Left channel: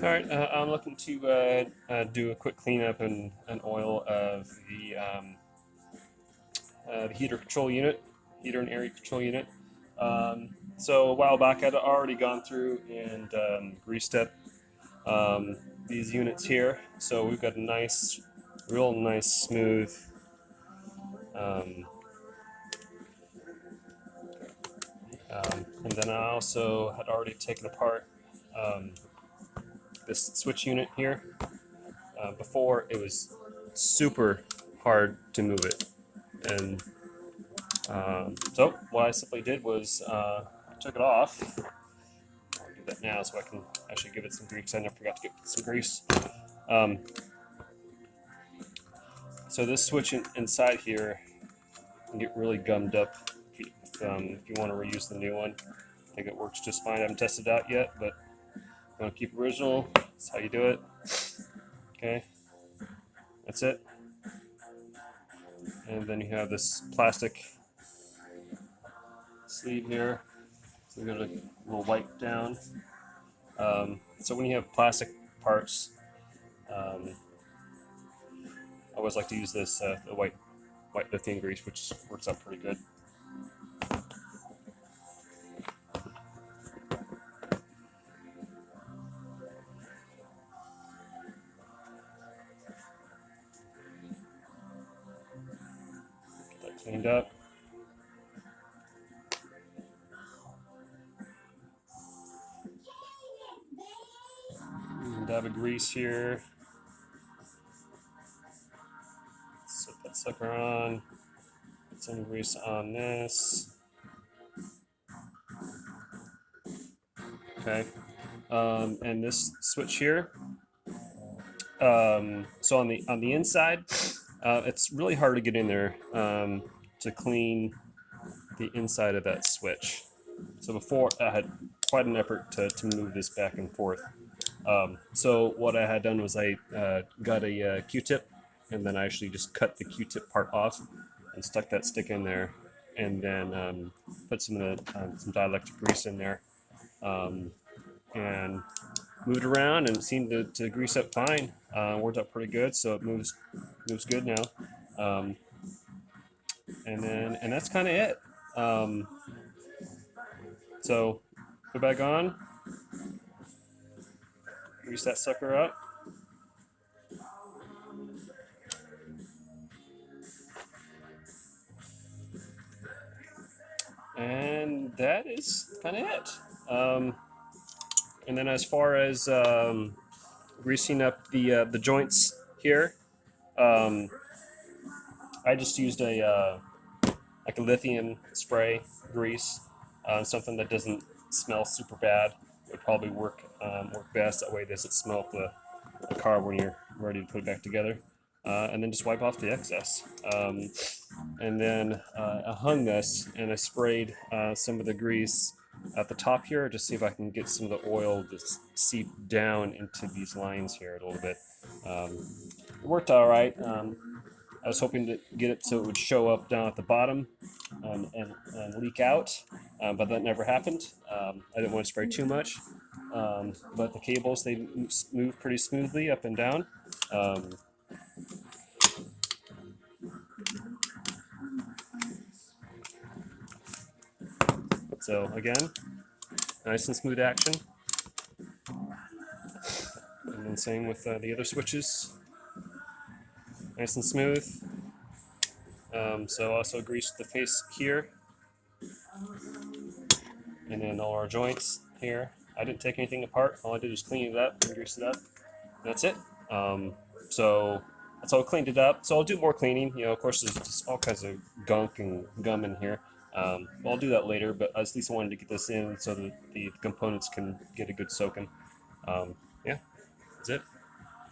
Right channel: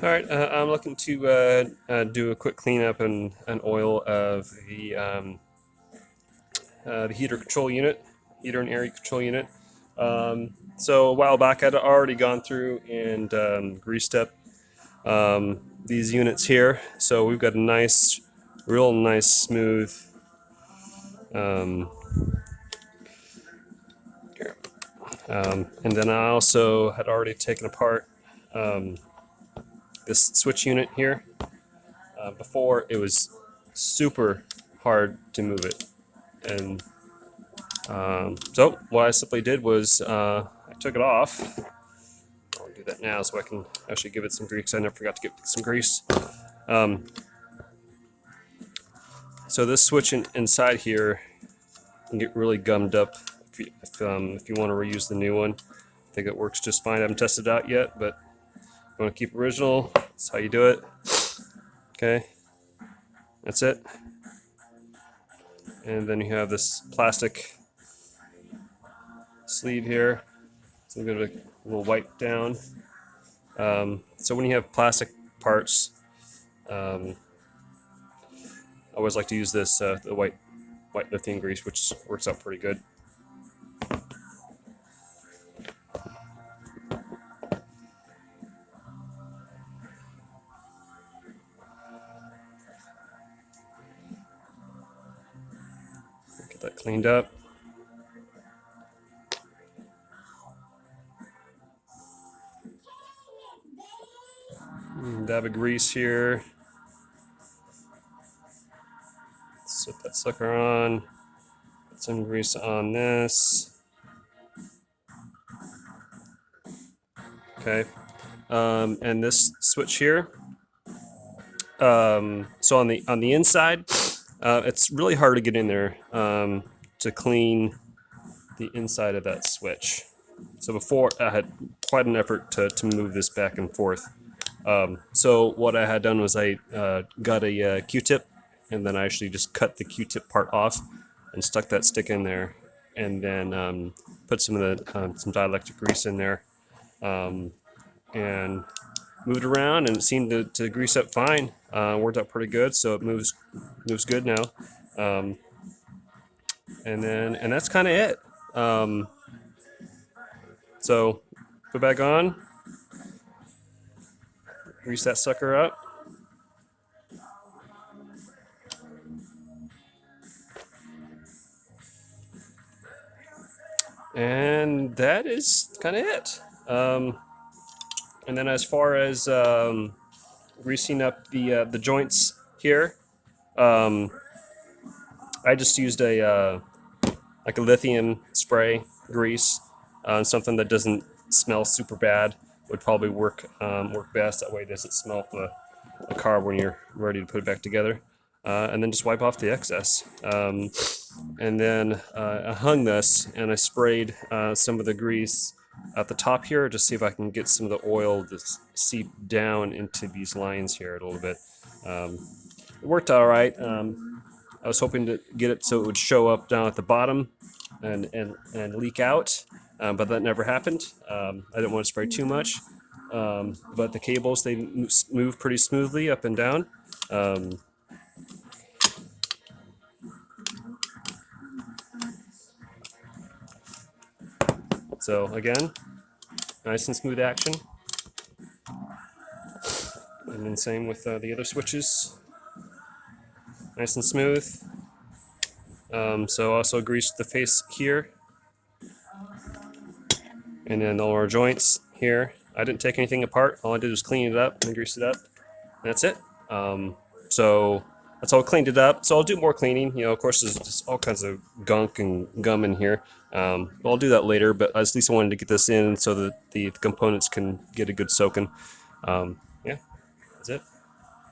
Alright, I'm looking to do a quick cleanup and oil of the heater control unit, heater and area control unit. So a while back, I'd already gone through and greased up these units here. So we've got a nice, real nice, smooth. Um, and then I also had already taken apart um, this switch unit here. Before it was super hard to move it, and so what I simply did was I took it off. I'll do that now so I can actually give it some grease. I never forgot to give it some grease. Um, so this switch inside here can get really gummed up if you want to reuse the new one. I think it works just fine. I haven't tested it out yet, but if you want to keep original, that's how you do it. Okay, that's it. And then you have this plastic sleeve here. So I'm going to a little wipe down. So when you have plastic parts, I always like to use this the white lithium grease, which works out pretty good. Get that cleaned up. Dab of grease here. Set that sucker on. Put some grease on this. Okay. And this switch here. So on the inside, it's really hard to get in there to clean the inside of that switch. So before I had quite an effort to move this back and forth. So what I had done was I got a Q-tip, and then I actually just cut the Q-tip part off and stuck that stick in there, and then put some of the some dielectric grease in there, and moved around, and it seemed to grease up fine. Worked out pretty good, so it moves good now. And that's kind of it. So put back on, grease that sucker up. And that is kind of it. And then as far as greasing up the joints here, I just used a like a lithium spray grease, something that doesn't smell super bad. Would probably work best. That way it doesn't smell up the car when you're ready to put it back together. And then just wipe off the excess. And then I hung this and I sprayed some of the grease at the top here to see if I can get some of the oil to seep down into these lines here a little bit. It worked all right. I was hoping to get it so it would show up down at the bottom and leak out, but that never happened. I didn't want to spray too much, but the cables, they move pretty smoothly up and down. So again, nice and smooth action. And then same with the other switches. Nice and smooth. So also greased the face here. And then all our joints here. I didn't take anything apart. All I did was clean it up and grease it up. And that's it. So that's all cleaned it up. So I'll do more cleaning. You know, of course, there's just all kinds of gunk and gum in here. But I'll do that later. But at least I wanted to get this in so that the components can get a good soaking. Yeah, that's it.